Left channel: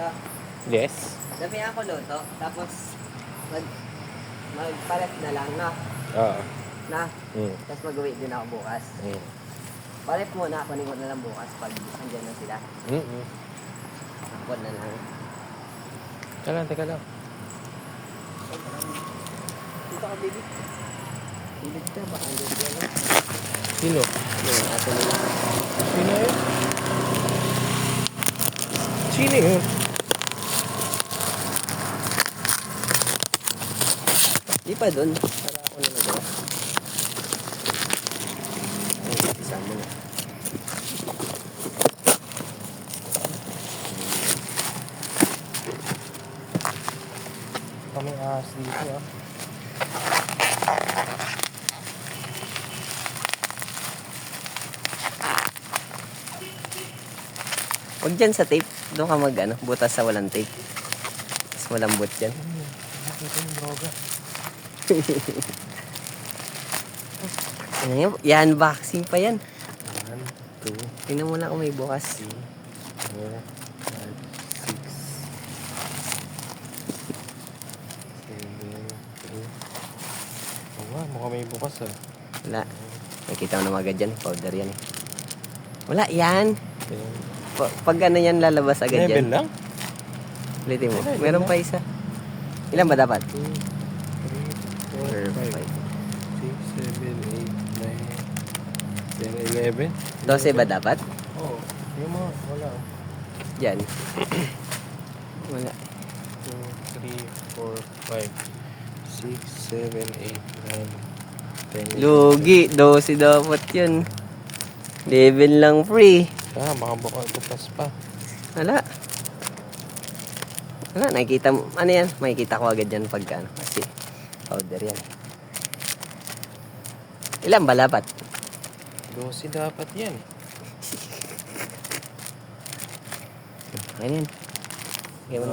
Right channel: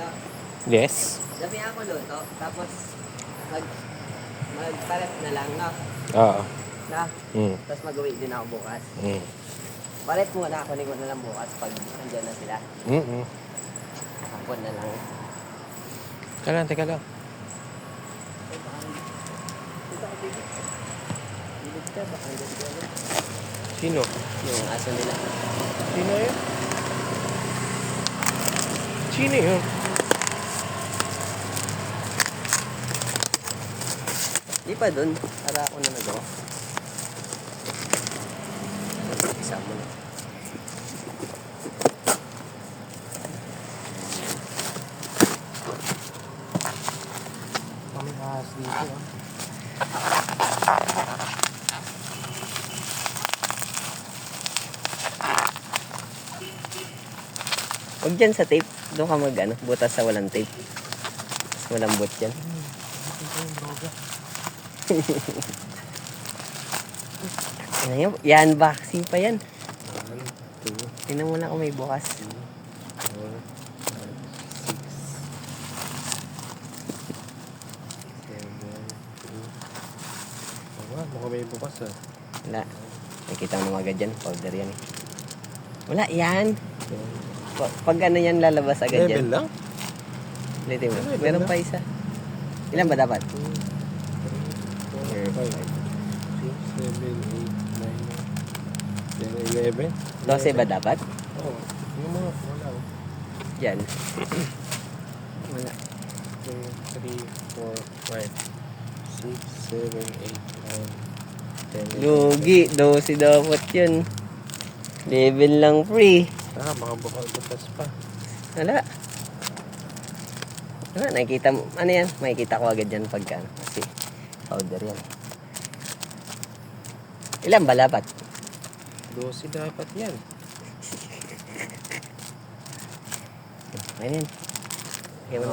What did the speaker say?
No? Yes. Dami ako luto, tapos magpalat na lang na. Oo. Na. Mm. Tapos mag-uwi din ako bukas. Mm. Palit mo na, kunin mo na lang bukas pag nandiyan na sila. Mm. Kapon na lang. Teka lang. Dito ka, baby. Bibig ka, baka nandiyan ka lang. Sino? Yung aso nila. Sino yun? Sino yun? Di pa dun, para ako na nagawa. Ay, isama na. Kami ahas dito ah. Huwag dyan sa tape. Doon ka mag butas sa walang tape. Mas malambot yan. Ano yan? Yan, vaccine pa yan. 1, 2, Tingnan mo na kung may bukas. 3, 4, 5, 6, 7, 8. Oo, mukhang may bukas ah. Wala. Nakita mo naman agad yan. Powder yan eh. Wala, yan. Pag ano yan, lalabas agad Level yan. lang? Ulitin mo. Level Meron lang. pa isa. Ilan ba dapat? 2, 3, 4, 5, 6, 7, 8, 9, 10, 11. 12 ba dapat? Oo. Yung mga, wala oh. Yan. Wala. 2, 3, 4, 5, 6, 7, 8, 9, 10. Lugi. 12 dapat yun. Level lang free. Ah, mga bukas pa. Wala. Wala, nakikita mo. Ano yan? Makikita ko agad yan pagka ano. Kasi powder yan. Ilan ba dapat? 12 dapat yan. Ayun. Ayun.